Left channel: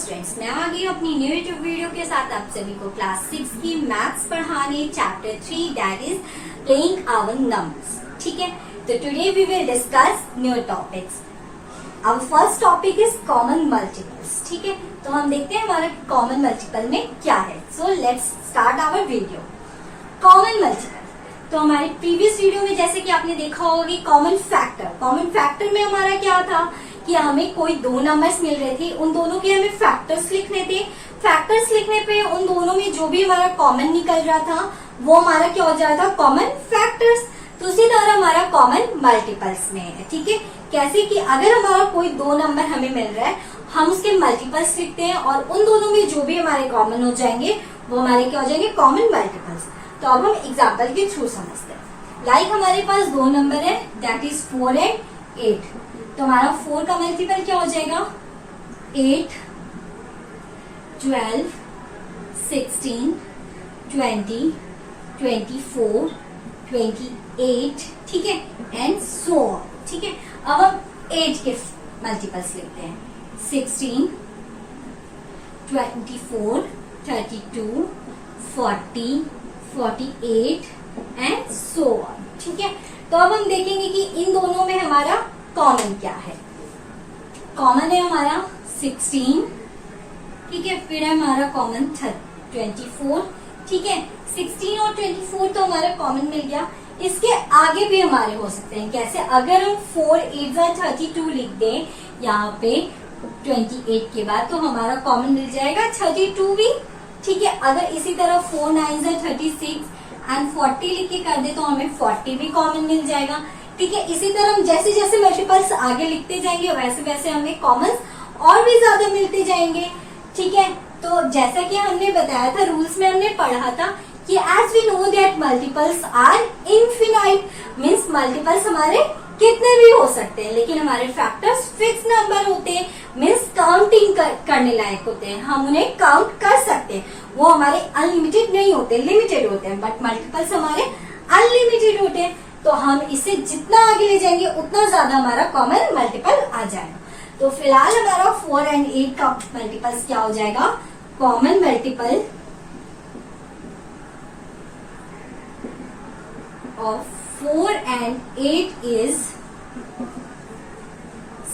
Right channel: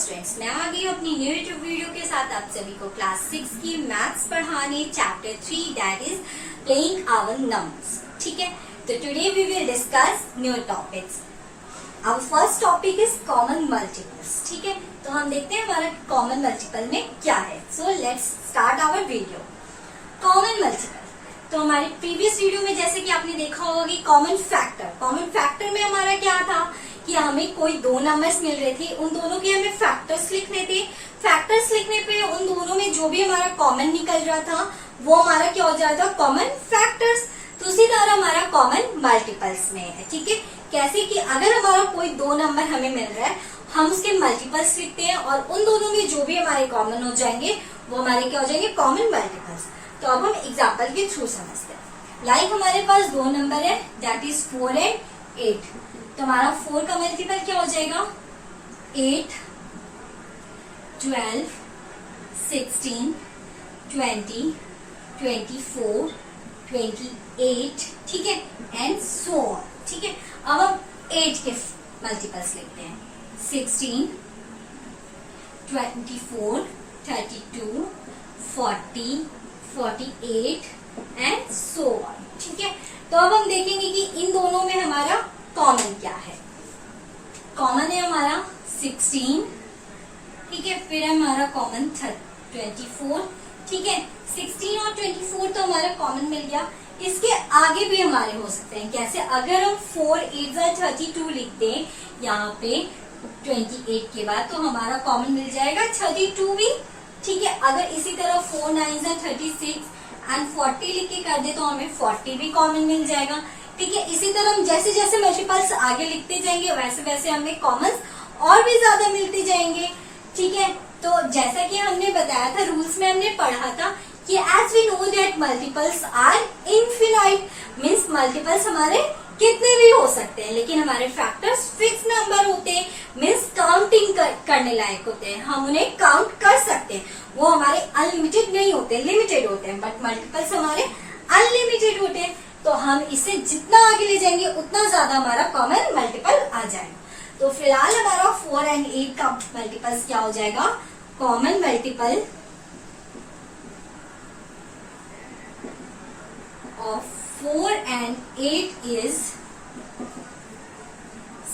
Students, मैं आ गई अपनी न्यू यूट्यूब वीडियो के साथ आप सभी को क्लास 6 की मैथ्स पढ़ाने chapter 3 that is playing our numbers. ठीक है, तो today we will discuss new topics. Our first topic is common multiples. ठीक है, तो हम देखते हैं हमारा कॉमन मल्टीपल में क्या है। So let's start our video. Common multiple, तो हमारे प्रीवियस वीडियो में जैसे कि आपने देखा होगा कि कॉमन फैक्टर में हमारा क्या था कि हमें कोई दो नंबर्स मिल रहे थे, उन दोनों के हमें फैक्टर्स लिखने थे। फैक्टर्स लिखने पे उन दोनों में जो भी हमारा कॉमन निकल रहा था वो हमारा क्या हो जाता था, कॉमन फैक्टर्स। तो उसी तरह हमारा कॉमन मल्टीपल्स में है। ठीक है, कैसे कि अगर हमारा कोई दो नंबर हमें मिल रहा है, हम उसके मल्टीपल्स लिखते हैं और उन दोनों में जो भी हमारे कॉमन हो जाएंगे वो हमारे क्या हो जाएंगे, कॉमन मल्टीपल्स। तो अब हम एग्जाम्पल के थ्रू समझते हैं। लाइक हमारे पास दो नंबर है दैट इज 4 एंड 8। तो हमारा 4 का मल्टीपल क्या हो जाएगा, 8, 12, 16, 20, 24, 28। ठीक है, एंड सो ऑन। ठीक है, अब हम 8 के मल्टीपल्स लिखते हैं। 16, 24, 32, 40, 48 एंड सो ऑन। ठीक है, तो अब हम देखेंगे कि इन दोनों में हमारा कॉमन क्या है। कॉमन है हमारा 16। ठीक है, फिर है हमारा कॉमन 24। ठीक है, 16 और 24 तो हमारा कॉमन मिल गया। इसके आगे भी हमारे हो सकते हैं। कैसे, अगर हम 4 8 32 लिख दें यहाँ पे 28 के बाद, तो हमारा कॉमन मिल जाएगा 32 भी। ठीक है, अगर इसी तरह 4 9 36 एंड 40 लिख के कर दे तो हमें 40 भी कॉमन मिल जाएगा। ठीक है, इसी तरह हम जैसे जैसे मल्टीपल्स आगे लिखते जाएंगे वैसे वैसे हमें कॉमन और भी ज्यादा मिलते जाएंगे। ठीक है, तो जैसा कि हमने बताया था, रूल्स में हमने पढ़ा था कि as we know that multiples are infinite, means multiples हमारे कितने भी हो सकते हैं, लेकिन हमारे फैक्टर्स फिक्स नंबर होते हैं, मीन्स काउंटिंग करने लायक होते हैं, हम उन्हें काउंट कर सकते हैं। वो हमारे अनलिमिटेड नहीं होते, लिमिटेड होते हैं, बट मल्टीपल्स हमारे अनलिमिटेड होते हैं। तो हम इसे जितना आगे ले जाएंगे उतना ज्यादा हमारा कॉमन मल्टीपल आ जाएगा। तो फिलहाल हमारा 4 एंड 8 का मल्टीपल्स क्या हो जाएगा, common multiple of 4 and 8 is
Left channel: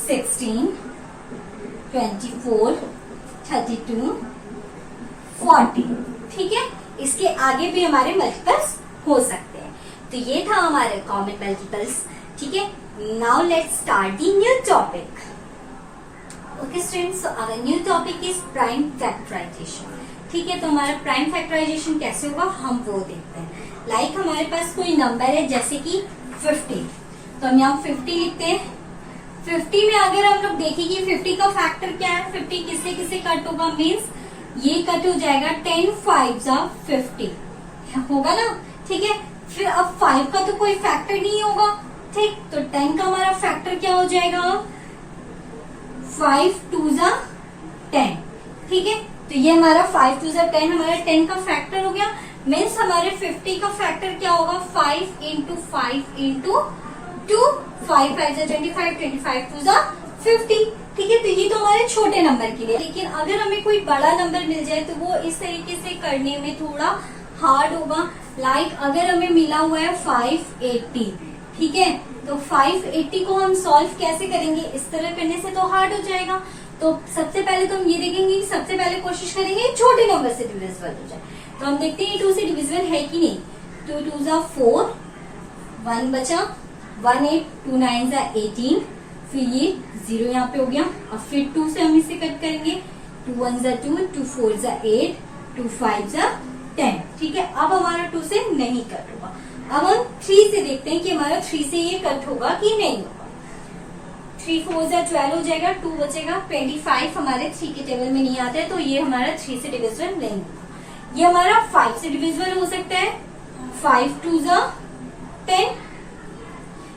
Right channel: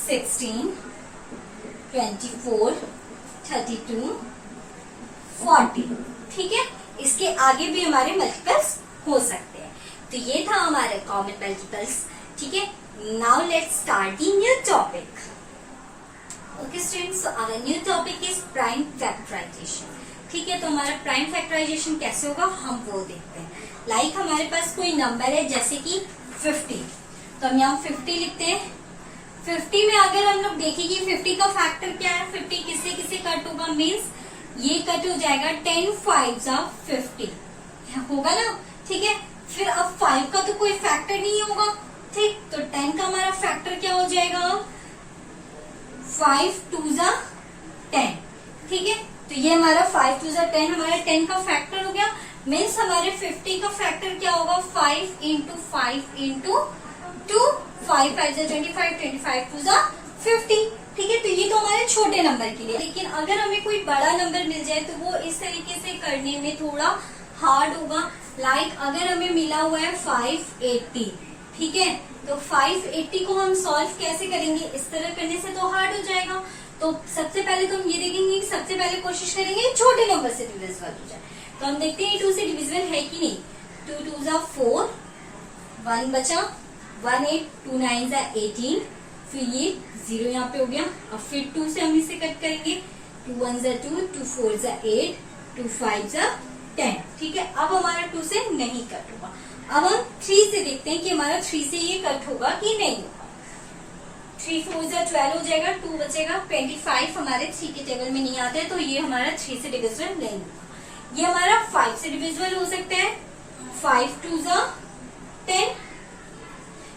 16, 24, 32, 40। ठीक है, इसके आगे भी हमारे मल्टीपल्स हो सकते हैं। तो ये था हमारे कॉमन मल्टीपल्स। ठीक है, now let's start the new topic. Okay students, so our new topic is prime factorisation. ठीक है, तो हमारा प्राइम फैक्टराइजेशन कैसे होगा हम वो देखते हैं। लाइक हमारे पास कोई नंबर है जैसे कि 50, तो हम यहाँ 50 लिखते हैं। 50 में अगर हम लोग देखें कि 50 का फैक्टर क्या है, 50 किससे किससे कट होगा, मीन्स ये कट हो जाएगा 10 5 50 होगा ना। ठीक है, फिर अब 5 का तो कोई फैक्टर नहीं होगा। ठीक, तो 10 का हमारा फैक्टर क्या हो जाएगा, 5 2 10। ठीक है, तो ये हमारा 5 2 10 हमारा 10 का फैक्टर हो गया। मीन्स हमारे 50 का फैक्टर क्या होगा, 5 इंटू 5 इंटू 2, 5 5 25, 25 2 50। ठीक है, तो ये तो हमारे छोटे नंबर के लिए। लेकिन अगर हमें कोई बड़ा नंबर मिल जाए तो वो इस तरीके से करने में थोड़ा हार्ड होगा। लाइक अगर हमें मिला हुआ है 580, ठीक है, तो 580 को हम सॉल्व कैसे करेंगे, इस तरह करने से तो हार्ड हो जाएगा। तो सबसे पहले तो हम ये देखेंगे, सबसे पहले कोशिश करेंगे छोटे नंबर से डिविजिबल हो जाए। तो हम देखते हैं 2 से डिविजिबल है कि नहीं। 2 2 4, 1 बचा, 1 8, 2 9 18, फिर ये 0 यहाँ पे हो गया। अब फिर 2 से हम इसे कट करेंगे, 2 1 2, 2 4 8, 2 5 10। ठीक है, अब हमारा 2 से नहीं कट होगा। अब हम 3 से देखते हैं कि हमारा 3 से ये कट होगा कि नहीं होगा। 3 4 12 हो जाएगा, 2 बचेगा, 25 हमारे 3 के टेबल में नहीं आता है, तो ये हमारा 3 से डिविजिबल नहीं होगा। ये हमारा 5 से डिविजिबल हो सकता है, 5 2 10,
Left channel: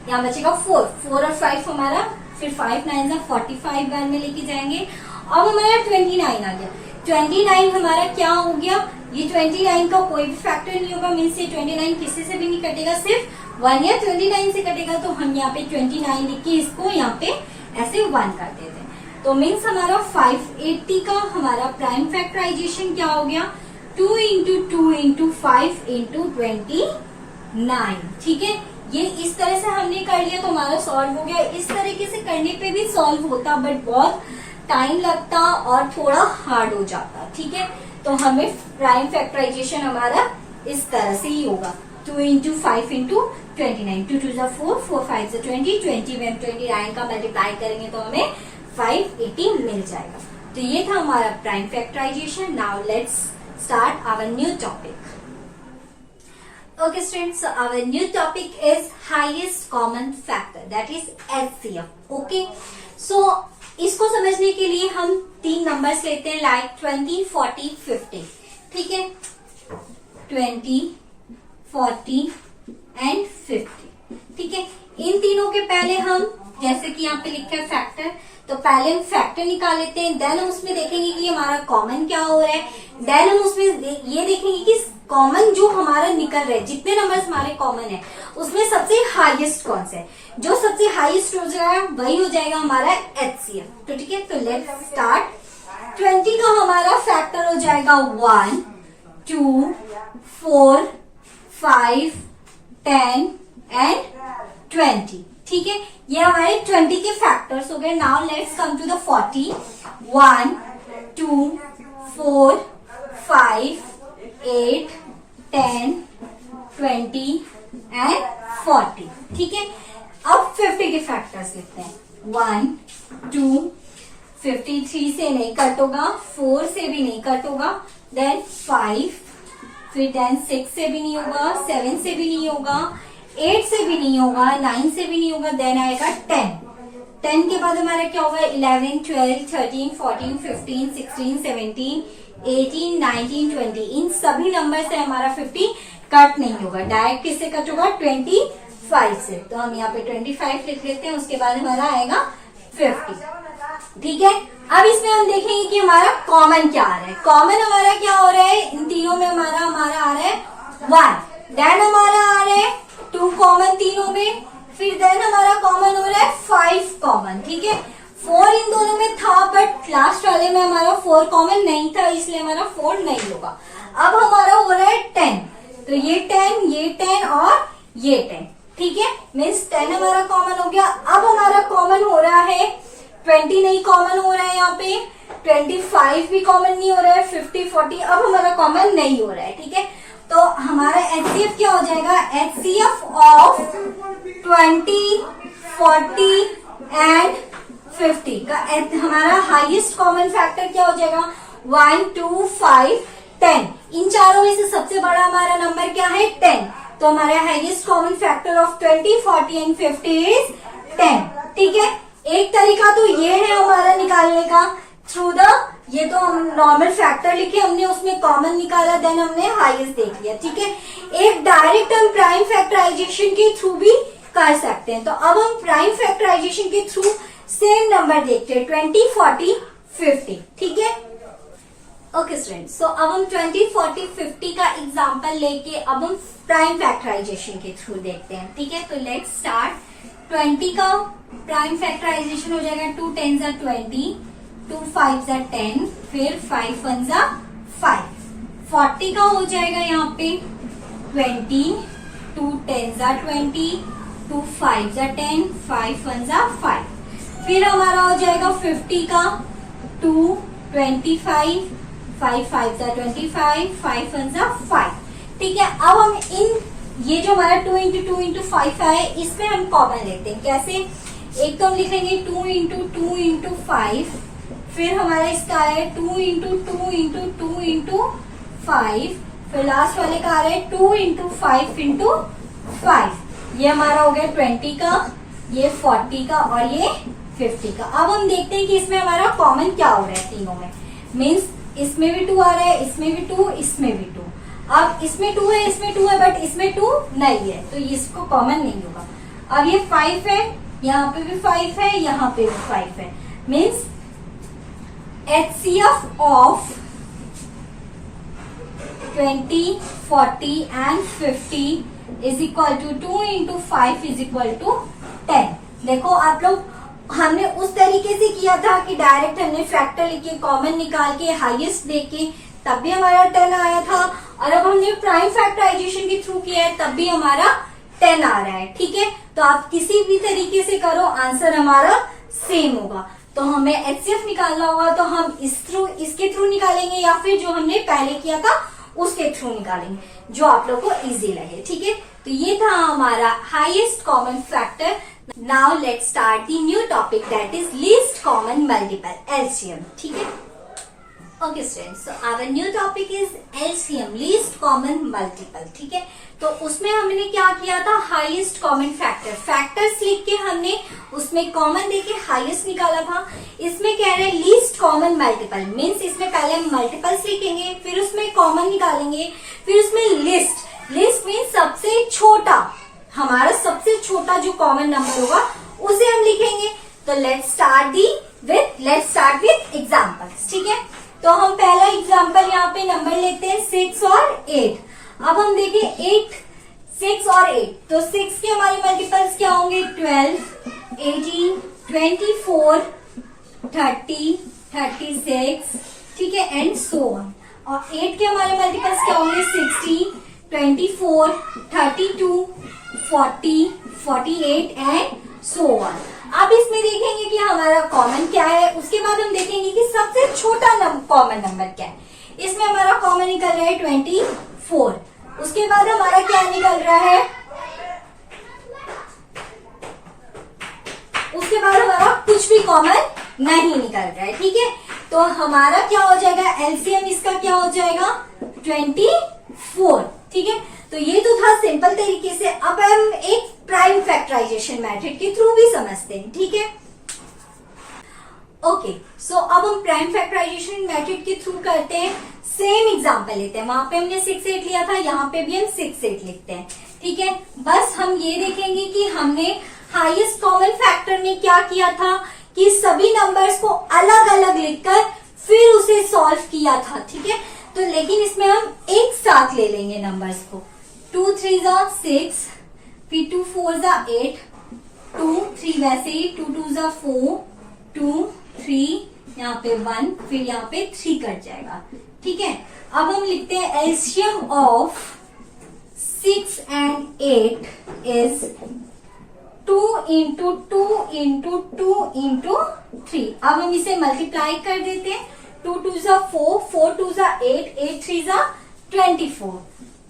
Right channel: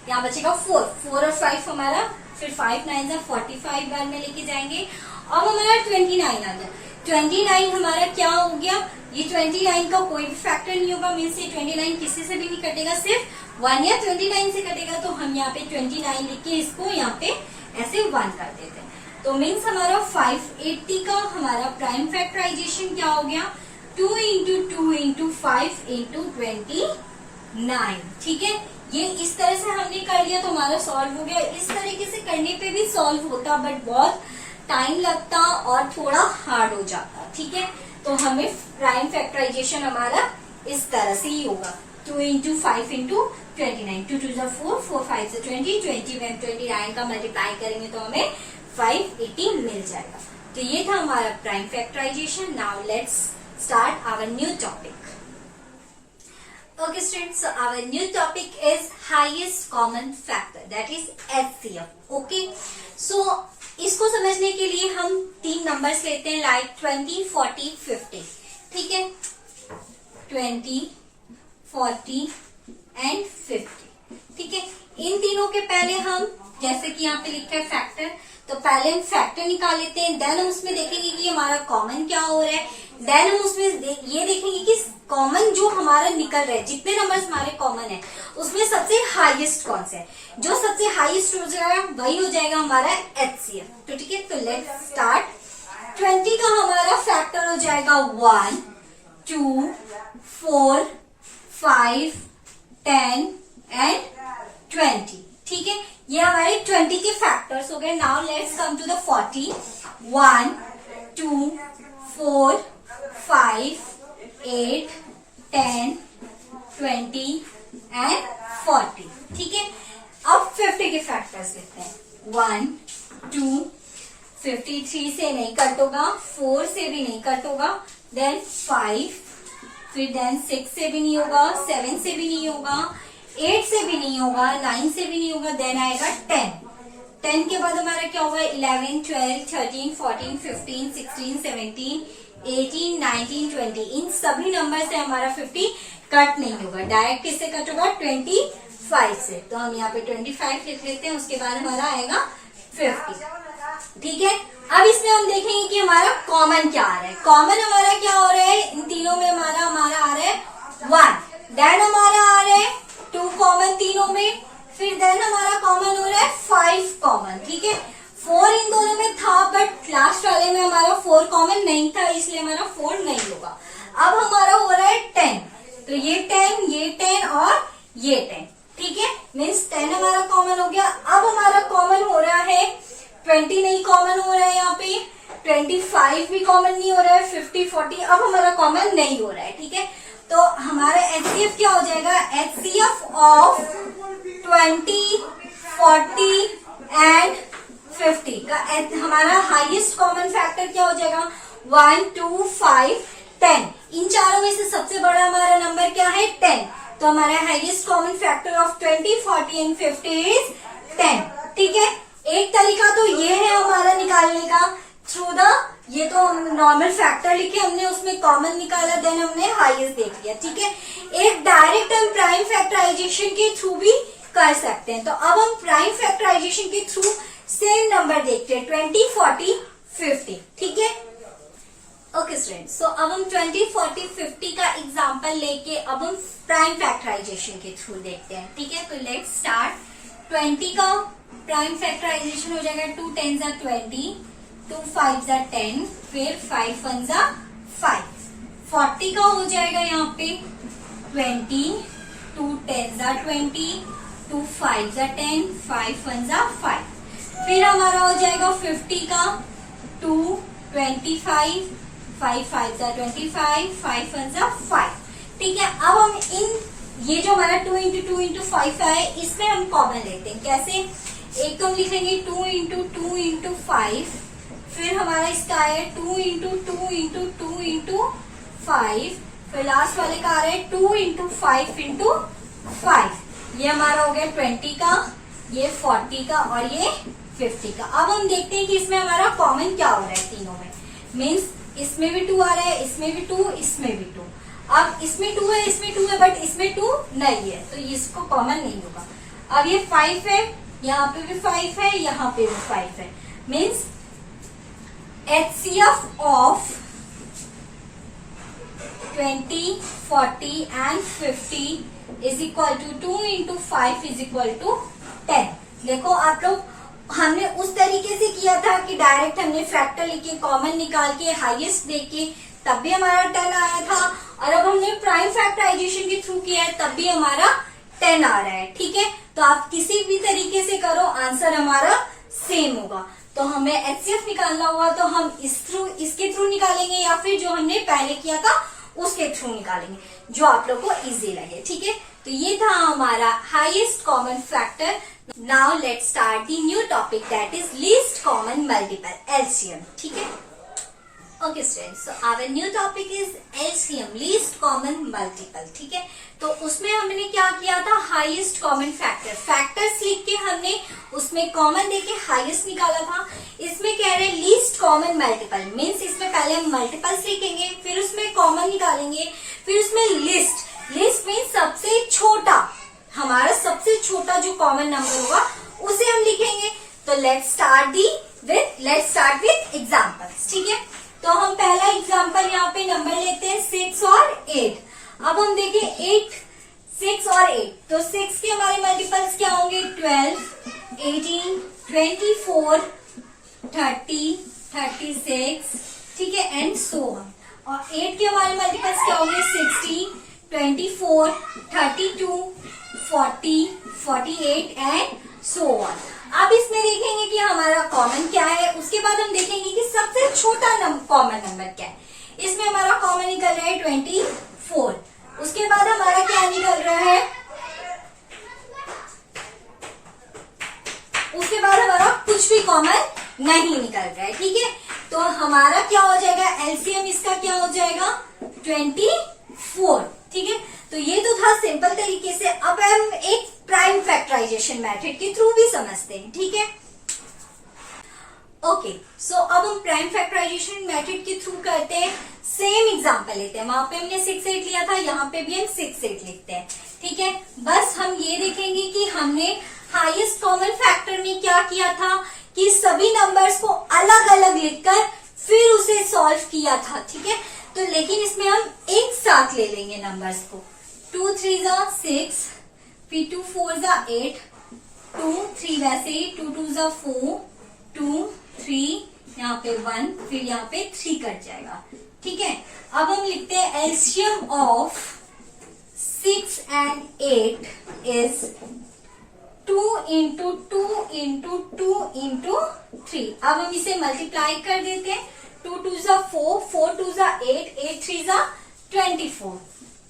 यहाँ बचेगा 4 और 5 हमारा, फिर 5 9 45 बार में लेके जाएंगे। अब हमारा 29 आ गया। 29 हमारा क्या हो गया, ये 29 का कोई भी फैक्टर नहीं होगा, मीन्स ये 29 किसी से भी नहीं कटेगा, सिर्फ 1 या 29 से कटेगा। तो हम यहाँ पे 29 लिख के इसको यहाँ पे ऐसे 1 कर देते हैं। तो मीन्स हमारा 580 का हमारा प्राइम फैक्टराइजेशन क्या हो गया, 2 इंटू 2 इंटू 5 इंटू 29। ठीक है, ये इस तरह से हमने कर लिया तो हमारा सॉल्व हो गया। इस तरीके से करने पे भी सॉल्व होता बट बहुत टाइम लगता और थोड़ा हार्ड हो जाता। ठीक है, तो हमें प्राइम फैक्टराइजेशन हमारा इस तरह से ही होगा, 2 इंटू 5 इंटू 29, 2 2 4, 4 5 20, 20 में 29 का मल्टीप्लाई करेंगे तो हमें 580 मिल जाएगा। तो ये था हमारा prime factorisation. Now let's start our new topic. Okay students, so our new topic is highest common factor, that is HCF. Okay, so इसको समझने के लिए हम 3 नंबर्स लेते हैं, लाइक 20, 40, 50। ठीक है, 20, 40 एंड 50। ठीक है, इन तीनों के पहले हम, जैसे कि यहाँ पे लिखा है फैक्टर, तो पहले हम फैक्टर निकाल लेते हैं। देन हम उसमें देखेंगे कि हमारा कॉमन क्या हो रहा है। देन हम उसमें ये देखेंगे कि कॉमन जो हमारा निकल रहा है, जितने नंबर्स हमारे कॉमन है उसमें सबसे हाईएस्ट कौन सा है। जो सबसे हाईएस्ट हो जाएगा वही हो जाएगा हमारा HCF। तो ठीक है, तो लेट्स स्टार्ट। 20 का हमारा फैक्टर हो जाएगा 1, 2, 4, 5, 10 एंड 20। ठीक है, ये हमारे 20 के फैक्टर्स हो गए। Now let's come to the 40। 1, 2, 4, 5, 8, 10, 20 and 40। ठीक है, अब 50 के फैक्टर्स लिखते हैं। 1, 2, 53 से नहीं कट होगा, 4 से भी नहीं कट होगा, देन 5, फिर देन 6 से भी नहीं होगा, 7 से भी नहीं होगा, 8 से भी नहीं होगा, 9 से भी नहीं होगा, देन आएगा 10। 10 के बाद हमारा क्या होगा, 11, 12, 13, 14, 15, 16, 17, 18, 19, 20। इन सभी नंबर से हमारा 50 कट नहीं होगा। डायरेक्ट किससे कट होगा, 25 से। तो हम यहाँ पे 25 लिख लेते हैं, उसके बाद हमारा आएगा 50। ठीक है, अब इसमें हम देखेंगे कि हमारा कॉमन क्या आ रहा है। कॉमन हमारा क्या हो रहा है, इन तीनों में हमारा आ रहा है 1, देन हमारा आ रहा है 2 कॉमन तीनों में, फिर देन हमारा कॉमन हो रहा है 5 कॉमन। ठीक है, 4 इन दोनों में था बट लास्ट वाले में हमारा 4 कॉमन नहीं था, इसलिए हमारा 4 नहीं होगा। अब हमारा हो रहा है 10, तो ये 10 और ये 10। ठीक है, मीन्स 10 हमारा कॉमन हो गया। अब हमारा कॉमन हो रहा है 20 नहीं कॉमन हो रहा है, यहाँ पे 25 भी कॉमन नहीं हो रहा है, 50, 40 अब हमारा कॉमन नहीं हो रहा है। ठीक है, तो हमारा HCF क्या हो जाएगा, HCF ऑफ 20, 40 एंड 50 का हमारा हाईएस्ट कॉमन फैक्टर क्या हो जाएगा, 1, 2, 5, 10। इन चारों में से सबसे बड़ा हमारा नंबर क्या है, 10। तो हमारा highest common factor of 20, 40 and 50 is 10। ठीक है, एक तरीका तो ये है हमारा निकालने का थ्रू द, ये तो हम नॉर्मल फैक्टर लिखे हमने, उसमें कॉमन निकाला, देन हमने हाईएस्ट देख लिया। ठीक है, एक डायरेक्ट हम प्राइम फैक्टराइजेशन के थ्रू भी कर सकते हैं। तो अब हम प्राइम फैक्टराइजेशन के थ्रू सेम नंबर देखते हैं, 20, 40, 50। ठीक है, ओके स्टूडेंट्स, सो अब हम 20, 40, 50 का एग्जांपल लेके अब हम प्राइम फैक्टराइजेशन के थ्रू देखते हैं। ठीक है, तो लेट्स स्टार्ट। 20 का प्राइम फैक्टराइजेशन हो जाएगा 2 10s are 20, 2 5s are 10, फिर 5 1s are 5। 40 का हो जाएगा यहाँ पे 20, 2 10s are 20, 2 5s are 10, 5 1s are 5। फिर हमारा हो जाएगा 50 का 2 25, 5 5s are 25, 5 1s are 5। ठीक है, अब हम इन ये जो हमारा 2 इंटू 2 इंटू 5 है, इसमें हम कॉमन लेते हैं। कैसे, एक तो हम लिखेंगे 2 इंटू 2 इंटू 5, फिर हमारा इसका है 2 इंटू 2 इंटू 2 इंटू 5, फिर लास्ट वाले का आ रहा है 2 इंटू 5 इंटू 5। ये हमारा हो गया 20 का, ये 40 का और ये 50 का। अब हम देखते हैं कि इसमें हमारा कॉमन क्या हो रहा है तीनों में। मीन्स इसमें भी 2 आ रहा है, इसमें भी 2, इसमें भी 2। अब इसमें 2 है, इसमें 2 है, बट इसमें 2 नहीं है, तो इसको कॉमन नहीं होगा। अब ये 5 है, यहाँ पे भी 5 है, यहाँ पे भी 5 है। Means HCF of 20, 40 and 50 is equal to 2 into 5 is equal to 10। देखो आप लोग हमने उस तरीके से किया था कि डायरेक्ट हमने फैक्टर लेके कॉमन निकाल के हाईएस्ट लेके तब भी हमारा 10 आया था, और अब हमने प्राइम फैक्टराइजेशन के थ्रू किया है तब भी हमारा 10 आ रहा है। ठीक है, तो आप किसी भी तरीके से करो आंसर हमारा सेम होगा। तो हमें एचसीएफ निकालना होगा तो हम इसके थ्रू निकालेंगे या फिर जो हमने पहले किया था उसके थ्रू निकालेंगे, जो आप लोग को इजी लगे। ठीक है, तो ये था हमारा highest common factor. Now let's start the new topic that is least common multiple, LCM. ठीक है, okay students, so our new topic is LCM, least common multiple. ठीक है, तो उसमें हमने क्या किया था, हाईएस्ट कॉमन फैक्टर, फैक्टर्स लिख के हमने उसमें कॉमन देके हाईएस्ट निकाला था। इसमें कह रहे हैं लीस्ट कॉमन मल्टीपल, मीन्स इसमें पहले हम मल्टीपल्स लिखेंगे, फिर उसमें कॉमन निकालेंगे, फिर उसमें लिस्ट मीन्स सबसे छोटा, हमारा सबसे छोटा जो कॉमन नंबर होगा उसे हम लिखेंगे। तो लेट्स स्टार्ट विथ एग्जाम्पल्स। ठीक है, तो हम पहला एग्जाम्पल यहाँ पे नंबर लेते हैं 6 और 8। अब हम देखें 8, 6 और 8, तो 6 के हमारे मल्टीपल्स क्या होंगे, 12, 18, 24, 30, 36, ठीक है, एंड सो ऑन। और 8 के हमारे मल्टीपल्स क्या होंगे, 16, 24, 32, 40, 48 एंड सो ऑन। अब इसमें देखेंगे कि हमारा कॉमन क्या है, उसके बाद हम देखेंगे कि सबसे छोटा कॉमन नंबर क्या है। इसमें हमारा कॉमन निकल रहा है 24, उसके बाद हमारा क्या निकल रहा है, उसके बाद हमारा कुछ भी कॉमन नहीं निकल रहा है। ठीक है, तो हमारा क्या हो जाएगा, एलसीएम इसका क्या हो जाएगा, 24। ठीक है, तो ये तो था सिंपल तरीके से। अब हम एक प्राइम फैक्टराइजेशन मेथड के थ्रू भी समझते हैं। ठीक है, ओके, सो अब हम प्राइम फैक्टराइजेशन मेथड के थ्रू करते हैं। सेम एग्जांपल लेते हैं, वहां पे हमने 6, 8 लिया था, यहाँ पे भी हम 6, 8 लिखते हैं। ठीक है, बस हम ये देखेंगे कि हमने हाईएस्ट कॉमन फैक्टर में क्या किया था कि सभी नंबर्स को अलग अलग लिखकर फिर उसे सॉल्व किया था। ठीक है, तो लेकिन इसमें हम एक साथ ले लेंगे नंबर्स को, 2 3 जा 6, फिर 2 4 जा 8, 2 3 वैसे ही 2 2 जा 4, 2 3, यहाँ पे 1, फिर यहाँ पे 3 कट जाएगा। ठीक है, अब हम लिखते हैं LCM of 6 and 8 is 2 into 2 into 2 into 3। अब हम इसे मल्टीप्लाई कर देते हैं, 2 2 जा 4, 4 2 जा 8, 8 3 जा 24।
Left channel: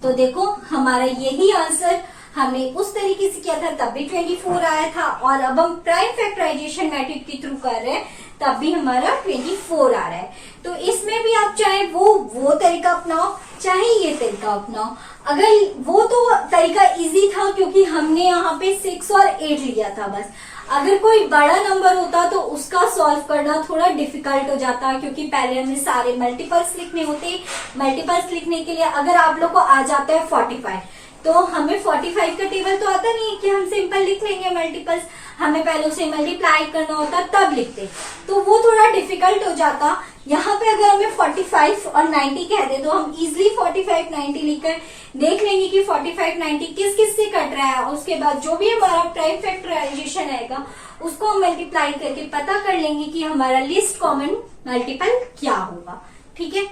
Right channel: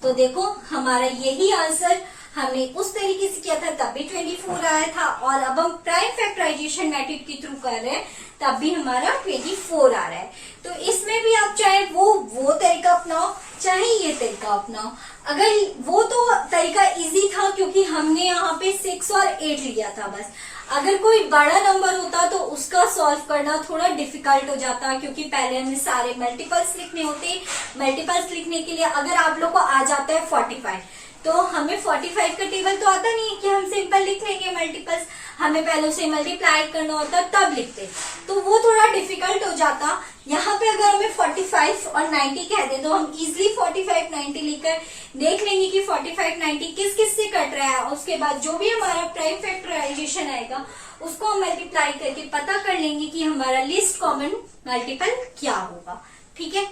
तो देखो हमारा यही आंसर हमने उस तरीके से किया था तब भी 24 आया था, और अब हम प्राइम फैक्टराइजेशन मेथड के थ्रू कर रहे हैं तब भी हमारा 24 आ रहा है। तो इसमें भी आप चाहे वो तरीका अपनाओ, चाहे ये तरीका अपनाओ। अगर वो तो तरीका इजी था क्योंकि हमने यहाँ पे 6 और 8 लिया था बस। अगर कोई बड़ा नंबर होता तो उसका सॉल्व करना थोड़ा डिफिकल्ट हो जाता, क्योंकि पहले हमें सारे मल्टीपल्स लिखने होते। मल्टीपल्स लिखने के लिए अगर आप लोग को आ जाता है 45, तो हमें 45 का टेबल तो आता नहीं है कि हम सिंपल लिख लेंगे मल्टीपल्स, हमें पहले उसे मल्टीप्लाई करना होता तब लिखते, तो वो थोड़ा डिफिकल्ट हो जाता। यहाँ पे अगर हमें 45 और 90 कह दे तो हम इजिली 45 90 लिखकर देख लेंगे कि 45 90 किस किस से कट रहा है। उसके बाद जो भी हमारा प्राइम फैक्टराइजेशन आएगा उसको हम मल्टीप्लाई करके पता कर लेंगे कि हमारा लिस्ट कॉमन मल्टीपल क्या होगा। ठीक है,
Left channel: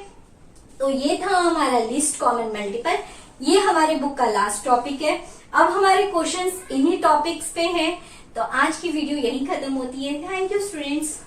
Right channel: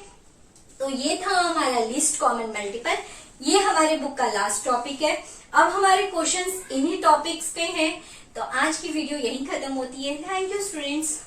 तो ये था हमारा लिस्ट कॉमन मल्टीपल। ये हमारे बुक का लास्ट टॉपिक है। अब हमारे क्वेश्चंस इन्हीं टॉपिक्स पे हैं। तो आज की वीडियो यहीं खत्म होती है। Thank you students.